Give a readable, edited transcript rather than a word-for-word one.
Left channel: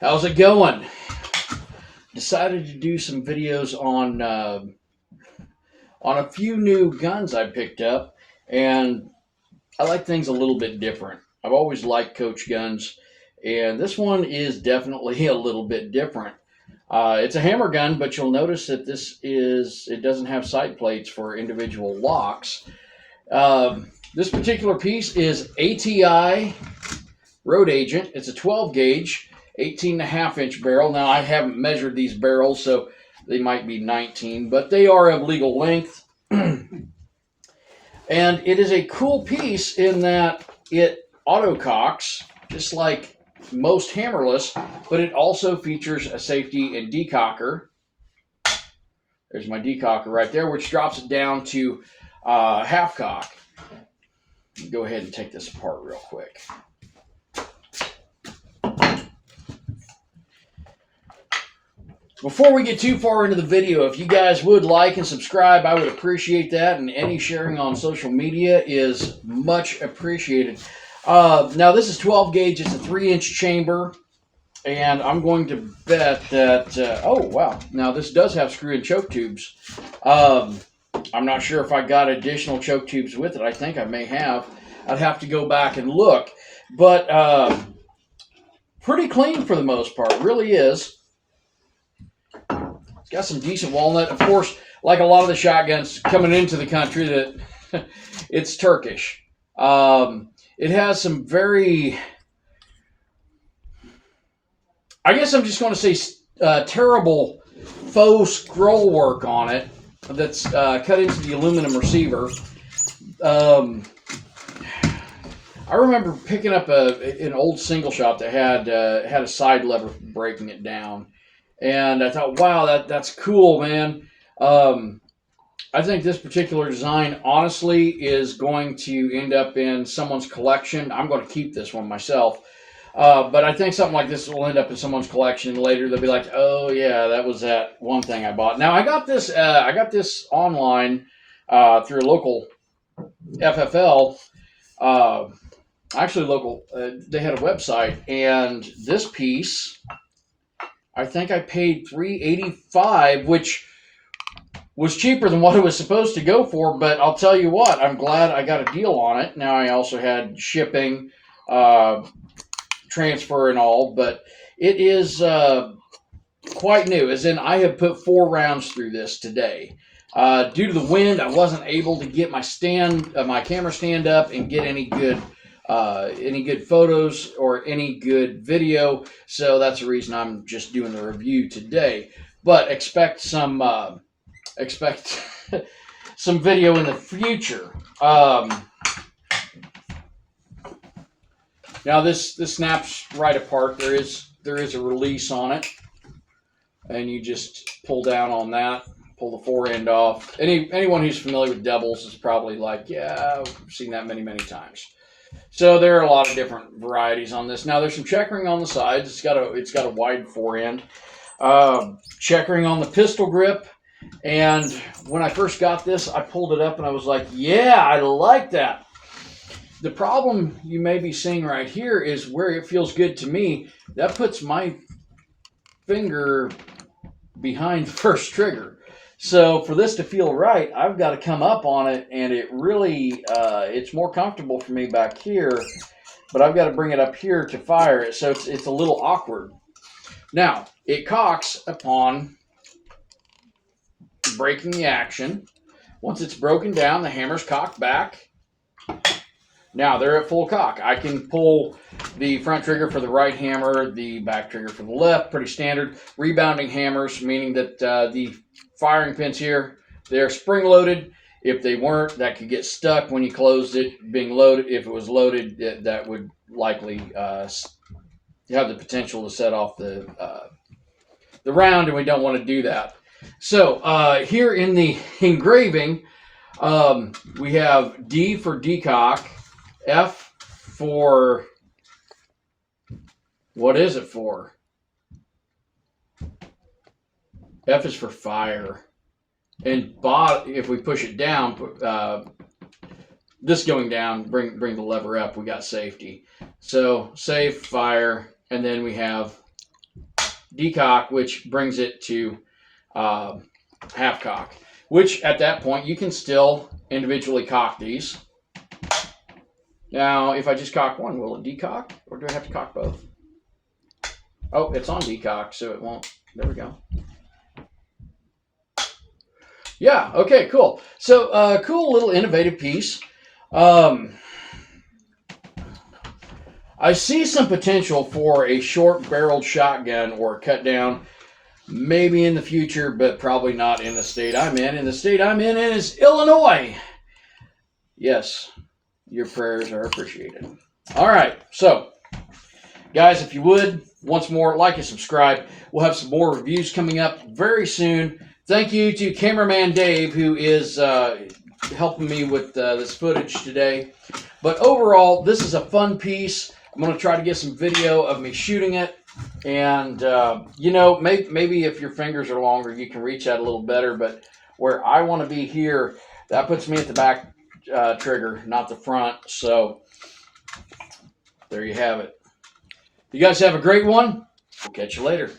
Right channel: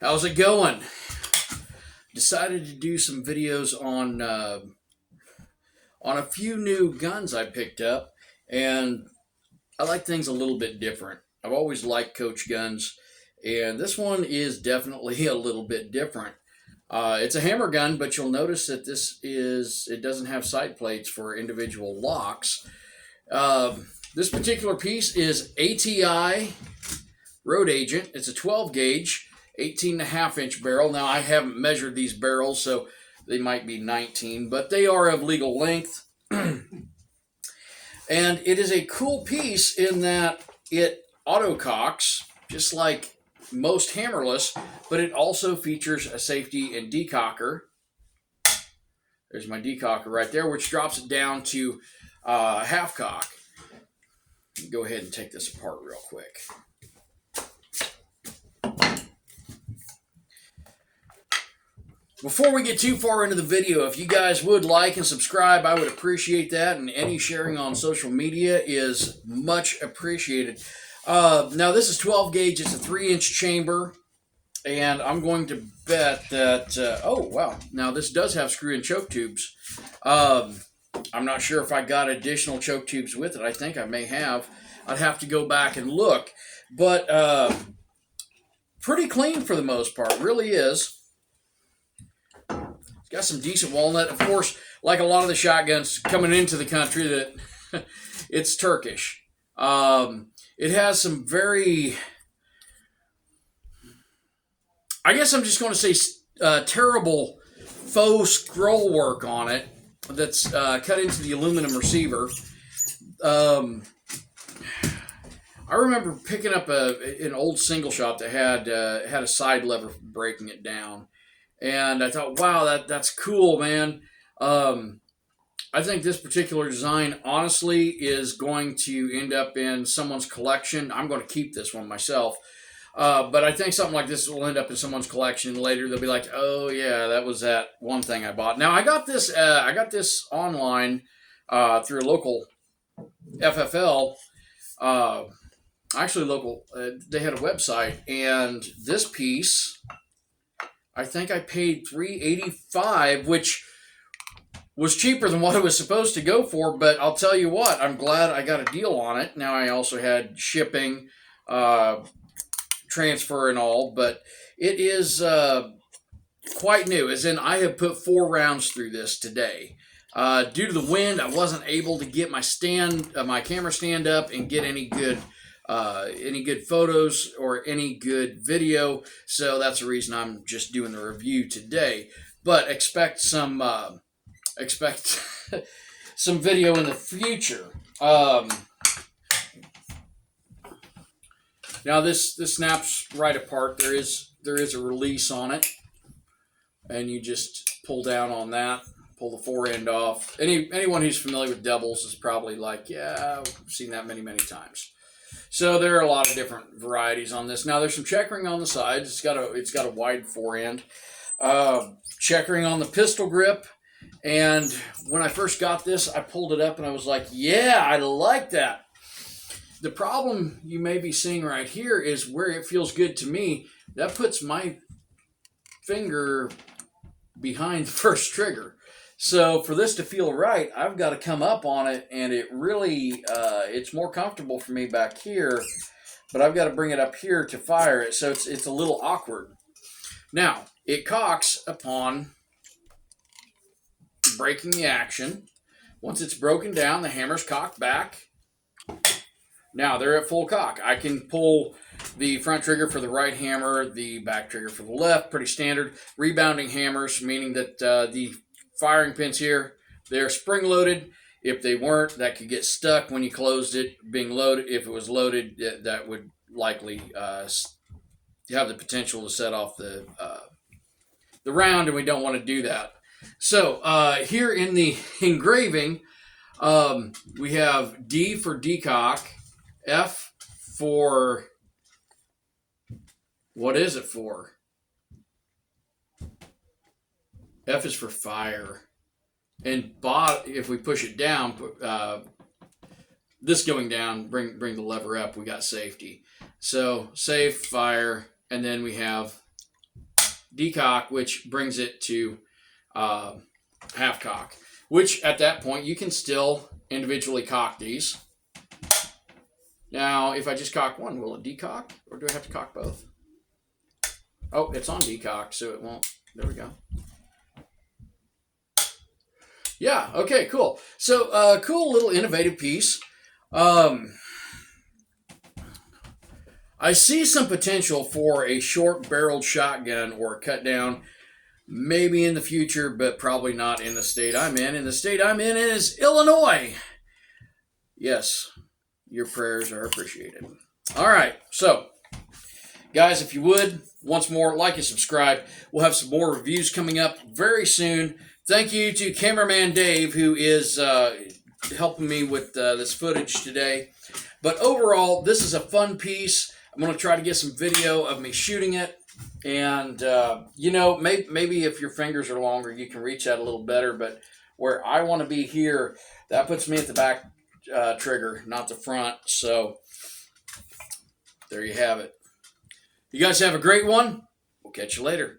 How's it going? Decided to do some videos on a few new guns I picked up, and I like things a little bit different. I've always liked Coach guns, and this one is definitely a little bit different. It's a hammer gun, but you'll notice that it doesn't have side plates for individual locks. This particular piece is ATI Road Agent. It's a 12 gauge, 18.5 inch barrel. Now, I haven't measured these barrels, so they might be 19, but they are of legal length. And it is a cool piece in that it auto cocks, just like most hammerless, but it also features a safety and decocker. There's my decocker right there, which drops it down to half cock. Go ahead and take this apart real quick. Before we get too far into the video, if you guys would like and subscribe, I would appreciate that, and any sharing on social media is much appreciated. Now, this is 12 gauge. It's a 3-inch chamber, and I'm going to bet that... oh, wow. Now, this does have screw-in choke tubes. I'm not sure if I got additional choke tubes with it. I think I may have. I'd have to go back and look. But pretty clean for the most part. Really is. Got some decent walnut. Of course, like a lot of the shotguns coming into the country, that it's Turkish. It has some very, I guess I'm just going to say terrible faux scroll work on it that's cut into the aluminum receiver. I remember picking up an old single shot that had a side lever for breaking it down. And I thought, wow, that's cool, man. I think this particular design, honestly, is going to end up in someone's collection. I'm going to keep this one myself. But I think something like this will end up in someone's collection. Later, they'll be like, oh, yeah, that was that one thing I bought. Now, I got this online through a local FFL. Actually, local. They had a website. And this piece... I think I paid $385, which was cheaper than what it was supposed to go for, but I'll tell you what, I'm glad I got a deal on it. Now, I also had shipping, transfer and all, but it is quite new, as in I have put 4 rounds through this today. Due to the wind, I wasn't able to get my camera stand up and get any good photos or any good video, so that's the reason I'm just doing the review today. But expect some some video in the future. Now this snaps right apart. There is a release on it, and you just pull down on that, pull the fore end off. Anyone who's familiar with doubles is probably like, yeah, I've seen that many times. So there are a lot of different varieties on this. Now there's some checkering on the sides. It's got a wide fore end. Checkering on the pistol grip. And when I first got this, I pulled it up and I was like, yeah, I like that. The problem you may be seeing right here is where it feels good to me. That puts my finger behind the first trigger. So for this to feel right, I've got to come up on it, and it really, it's more comfortable for me back here, but I've got to bring it up here to fire it, so it's a little awkward. Now, it cocks upon breaking the action. Once it's broken down, the hammer's cocked back. Now, they're at full cock. I can pull the front trigger for the right hammer, the back trigger for the left, pretty standard. Rebounding hammers, meaning that the firing pins here, they're spring-loaded. If they weren't, that could get stuck when you closed it being loaded. If it was loaded, that would likely have the potential to set off the round, and we don't want to do that. So here in the engraving, we have D for decock, F for... what is it for? F is for fire. And if we push it down, this going down, bring the lever up, we got safety. So safe, fire, and then we have decock, which brings it to half cock, which at that point you can still individually cock these. Now, if I just cock one, will it decock, or do I have to cock both? Oh, it's on decock, so it won't. There we go. Yeah, okay, cool. So, cool little innovative piece. I see some potential for a short-barreled shotgun or a cut-down, maybe in the future, but probably not in the state I'm in. And the state I'm in is Illinois. Yes, your prayers are appreciated. All right, so, guys, if you would, once more, like and subscribe. We'll have some more reviews coming up very soon. Thank you to cameraman Dave, who is helping me with this footage today. But overall, this is a fun piece. I'm going to try to get some video of me shooting it. And, you know, maybe if your fingers are longer, you can reach out a little better. But where I want to be here, that puts me at the back trigger, not the front. So, there you have it. You guys have a great one. We'll catch you later.